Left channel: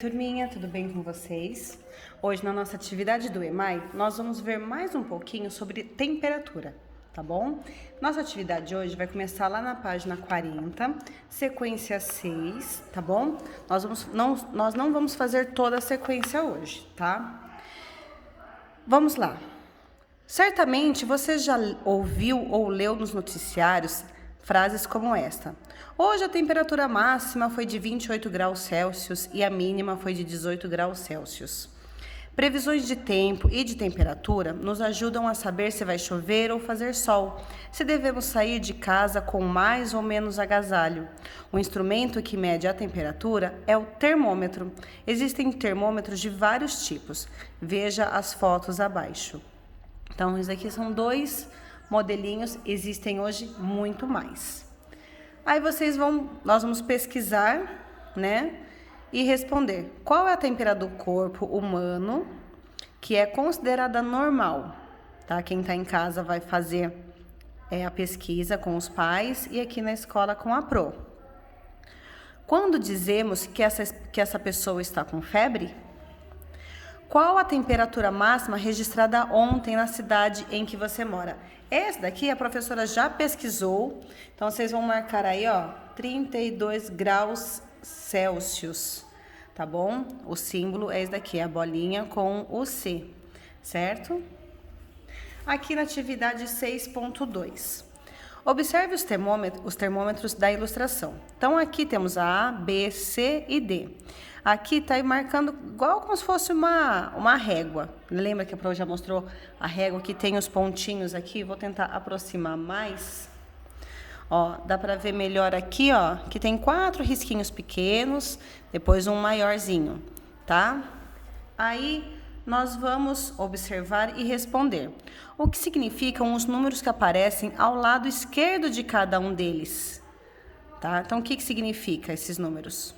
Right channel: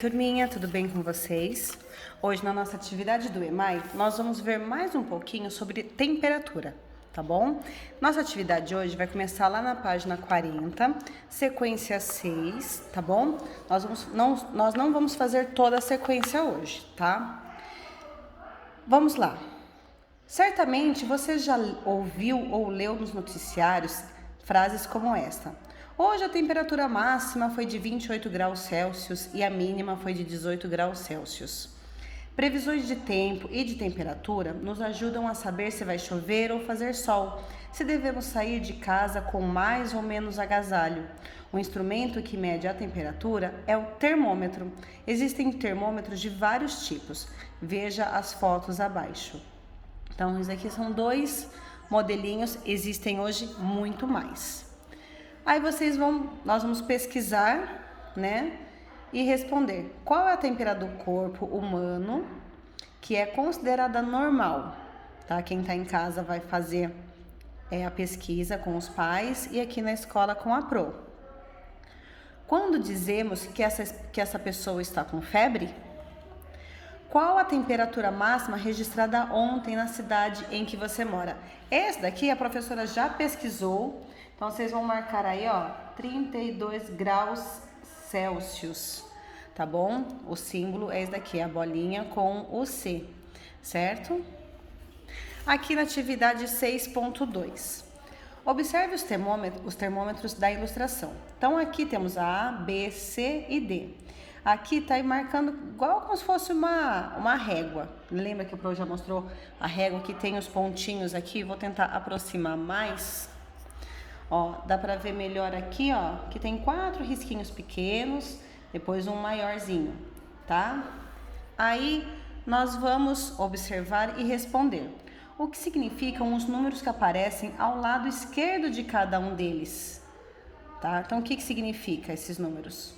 Turminha, tudo bem com vocês? Hoje na nossa atividade do EMAI, nós vamos ver mais um pouquinho sobre temperatura, tá bom? Nossa atividade de hoje vai começar lá na página 40, sequência 6, tá bom? Nós não vamos fazer toda a sequência hoje, tá? Vamos lá. Certamente você já ouviu ou leu nos noticiários frases como esta: hoje a temperatura máxima foi de 28 graus Celsius e a mínima foi de 18 graus Celsius. Previsões de tempo e de temperatura nos ajudam a saber se vai chover ou fazer sol, se devemos sair de casa com mais ou menos agasalho. O instrumento que mede a temperatura é o termômetro. Existem termômetros de vários tipos. Veja as fotos abaixo. Então, esses aqui são dois modelinhos, existem hoje muito mais. Aí nós vamos pesquisar, né, e responder qual é a temperatura do corpo humano que é considerada normal, tá? Quem tá em casa vai fazer a pesquisa com os pais e aqui na escola com a Pro. Quando dizemos que essa pessoa está com febre? Qual a temperatura máxima registrada ontem na cidade em que você mora? Essa daqui a professora já pesquisou, então vocês vão marcar aí, ó, 32 graus Celsius, tá bom? O símbolo é esse daqui, a bolinha com o C, certo? Aqui na atividade 6.2. Observe os termômetros da ilustração. Então, aqui temos a A, B, C e D. Aqui tá aí marcando igual como se fosse uma régua. Lembra que a Pro já mostrou a régua que tem os pontinhos aqui? Vou tentar aproximar mais. Ó, dá para ver melhor aqui, ó, que tem 4 risquinhos pequenos, depois um maiorzinho, tá? Aí nós vamos observar e responder. O que significam os números que aparecem ao lado esquerdo de cada um deles? Tá? Então, o que significa esses números?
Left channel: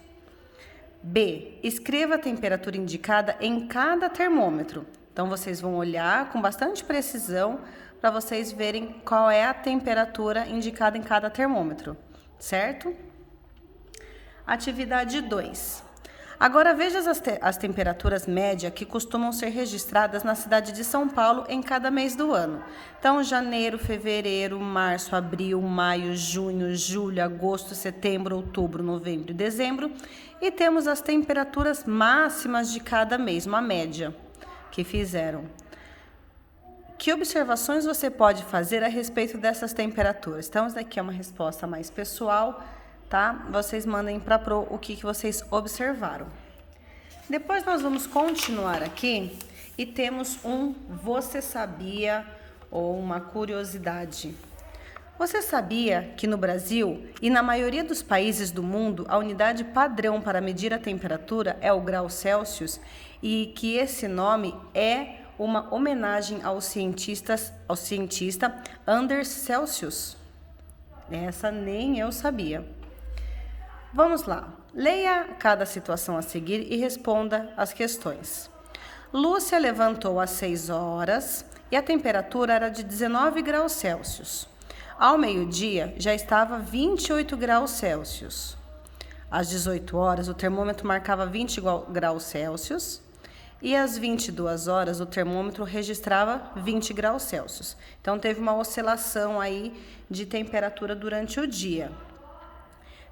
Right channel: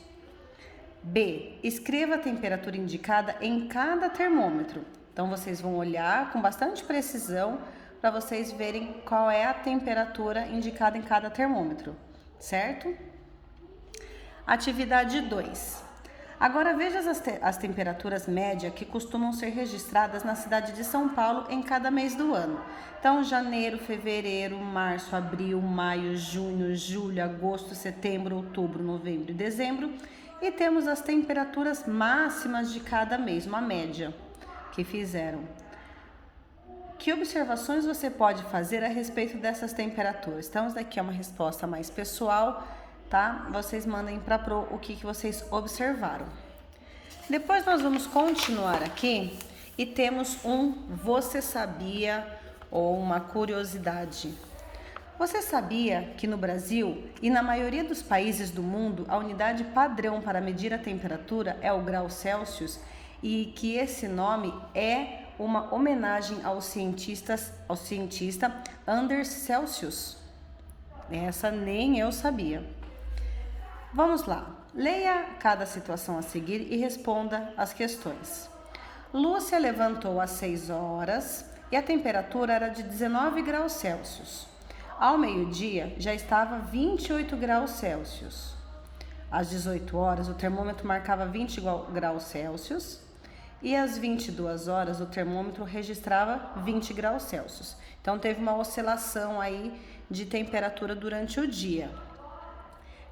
B. Escreva a temperatura indicada em cada termômetro. Então, vocês vão olhar com bastante precisão para vocês verem qual é a temperatura indicada em cada termômetro, certo? Atividade 2. Agora veja as temperaturas médias que costumam ser registradas na cidade de São Paulo em cada mês do ano. Então, janeiro, fevereiro, março, abril, maio, junho, julho, agosto, setembro, outubro, novembro e dezembro. E temos as temperaturas máximas de cada mês, uma média que fizeram. Que observações você pode fazer a respeito dessas temperaturas? Então, isso daqui é uma resposta mais pessoal, tá? Vocês mandem para a Pro o que vocês observaram. Depois nós vamos continuar aqui e temos um você sabia ou uma curiosidade. Você sabia que no Brasil e na maioria dos países do mundo a unidade padrão para medir a temperatura é o grau Celsius e que esse nome é uma homenagem ao cientista Anders Celsius? Essa nem eu sabia. Vamos lá. Leia cada situação a seguir e responda as questões. Lúcia levantou às 6 horas e a temperatura era de 19 graus Celsius. Ao meio-dia já estava 28 graus Celsius. Às 18 horas o termômetro marcava 20 graus Celsius e às 22 horas o termômetro registrava 20 graus Celsius. Então teve uma oscilação aí de temperatura durante o dia.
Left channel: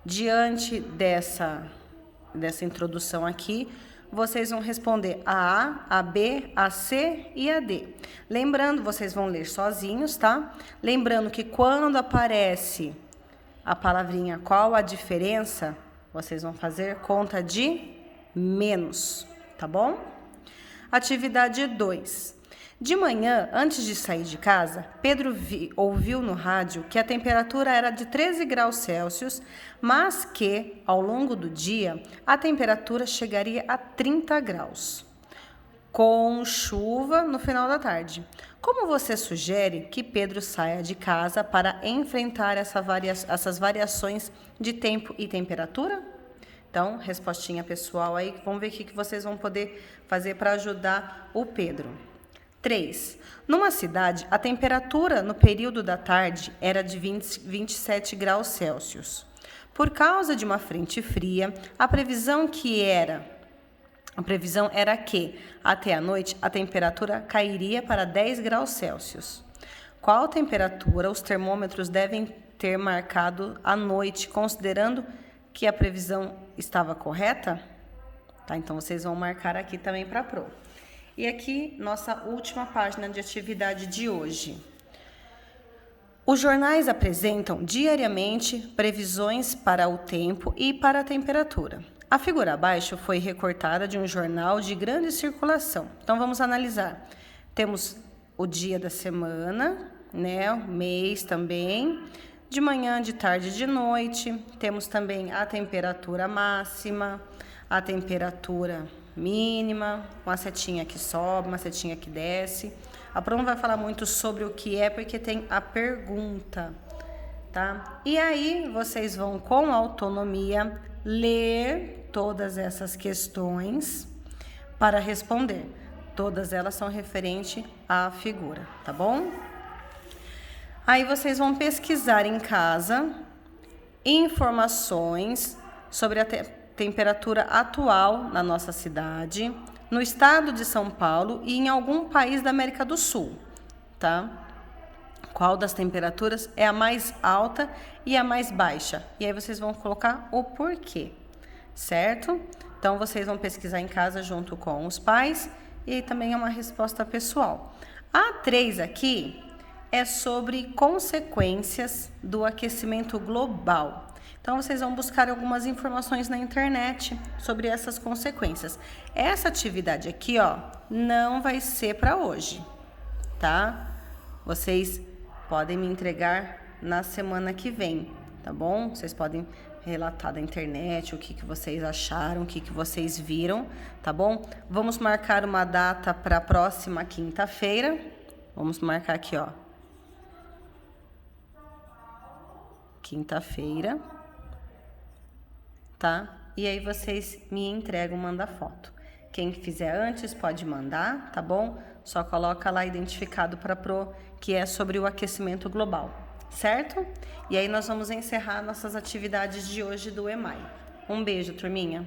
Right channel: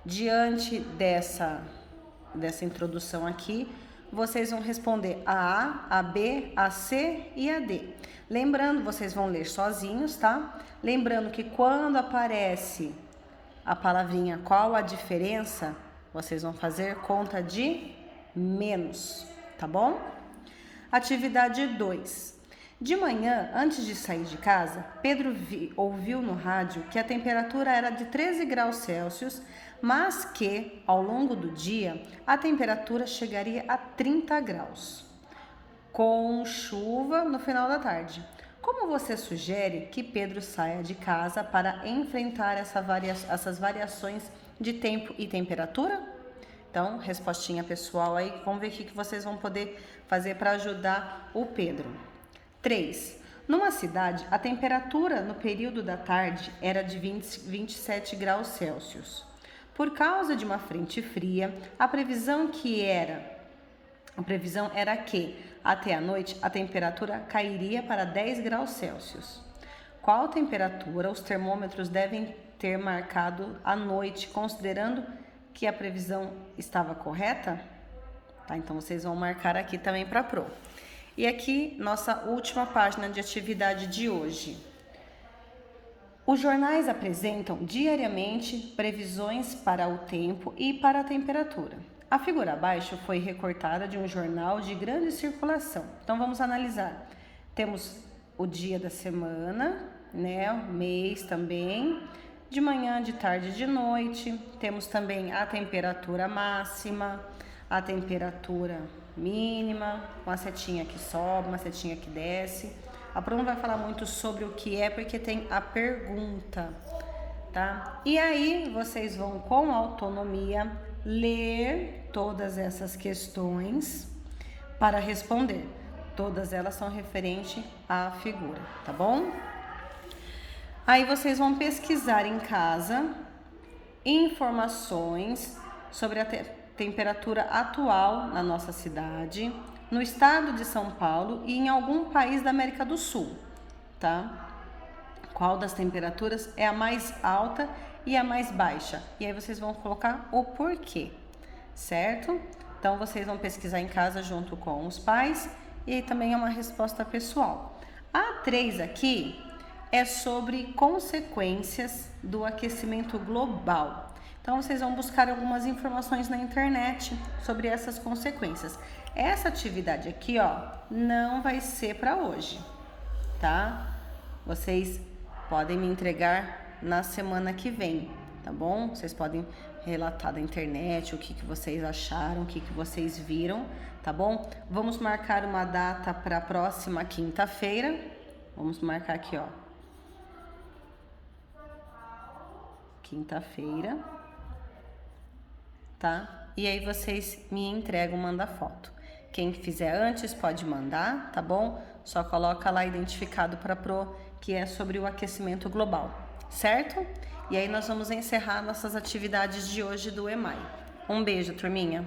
Diante dessa introdução aqui, vocês vão responder a A, a B, a C e a D. Lembrando, vocês vão ler sozinhos, tá? Lembrando que quando aparece a palavrinha qual a diferença, vocês vão fazer conta de menos, tá bom? Atividade 2. De manhã, antes de sair de casa, Pedro ouviu no rádio que a temperatura era de 13 graus Celsius, mas que, ao longo do dia, a temperatura chegaria a 30 graus, com chuva no final da tarde. Como você sugere que Pedro saia de casa para enfrentar essas variações de tempo e temperatura? Então, respostinha pessoal aí, vamos ver o que vocês vão poder fazer para ajudar o Pedro. 3. Numa cidade, a temperatura no período da tarde era de 27 graus Celsius. Por causa de uma frente fria, a previsão que era A previsão era que, até a noite, a temperatura cairia para 10 graus Celsius. Qual temperatura os termômetros devem ter marcado à noite, considerando que a previsão estava correta? Tá, então, vocês vão marcar aqui também para a Pro. E aqui, nossa última página de atividade de hoje. Os jornais apresentam diariamente previsões para o tempo e para a temperatura. A figura abaixo foi recortada de um jornal de grande circulação. Então, vamos analisar. Temos o dia da semana, né? O mês também. De manhã, de tarde e de noite. Temos também a temperatura máxima, a temperatura mínima, uma setinha que sobe, uma setinha que desce. A Pro não vai falar muito sobre o que é, porque tem a pergunta, tá? E aí, vocês vão, com autonomia, ler todas essas questões para responder. Todas elas são referentes à figura, tá bom? Aí, vocês vão pesquisar em casa informações sobre a temperatura atual na nossa cidade, no estado de São Paulo e em algum país da América do Sul, tá? Qual das temperaturas é a mais alta e a mais baixa? E aí vocês vão colocar o porquê, certo? Então vocês vão pesquisar em casa junto com os pais e também é uma resposta pessoal. A 3 aqui é sobre consequências do aquecimento global. Então, vocês vão buscar algumas informações na internet sobre essas consequências. Essa atividade aqui, ó, não vai ser para hoje, tá? Vocês podem me entregar na semana que vem, tá bom? Vocês podem relatar da internet o que vocês acharam, o que vocês viram, tá bom? Vamos marcar uma data para a próxima quinta-feira. Vamos marcar aqui, ó. Quinta-feira. Tá? E aí vocês me entregam, manda foto. Quem fizer antes pode mandar, tá bom? Só coloca lá identificado para Pro, que é sobre o aquecimento global, certo? E aí nós vamos encerrar nossas atividades de hoje do EMAI. Um beijo, turminha!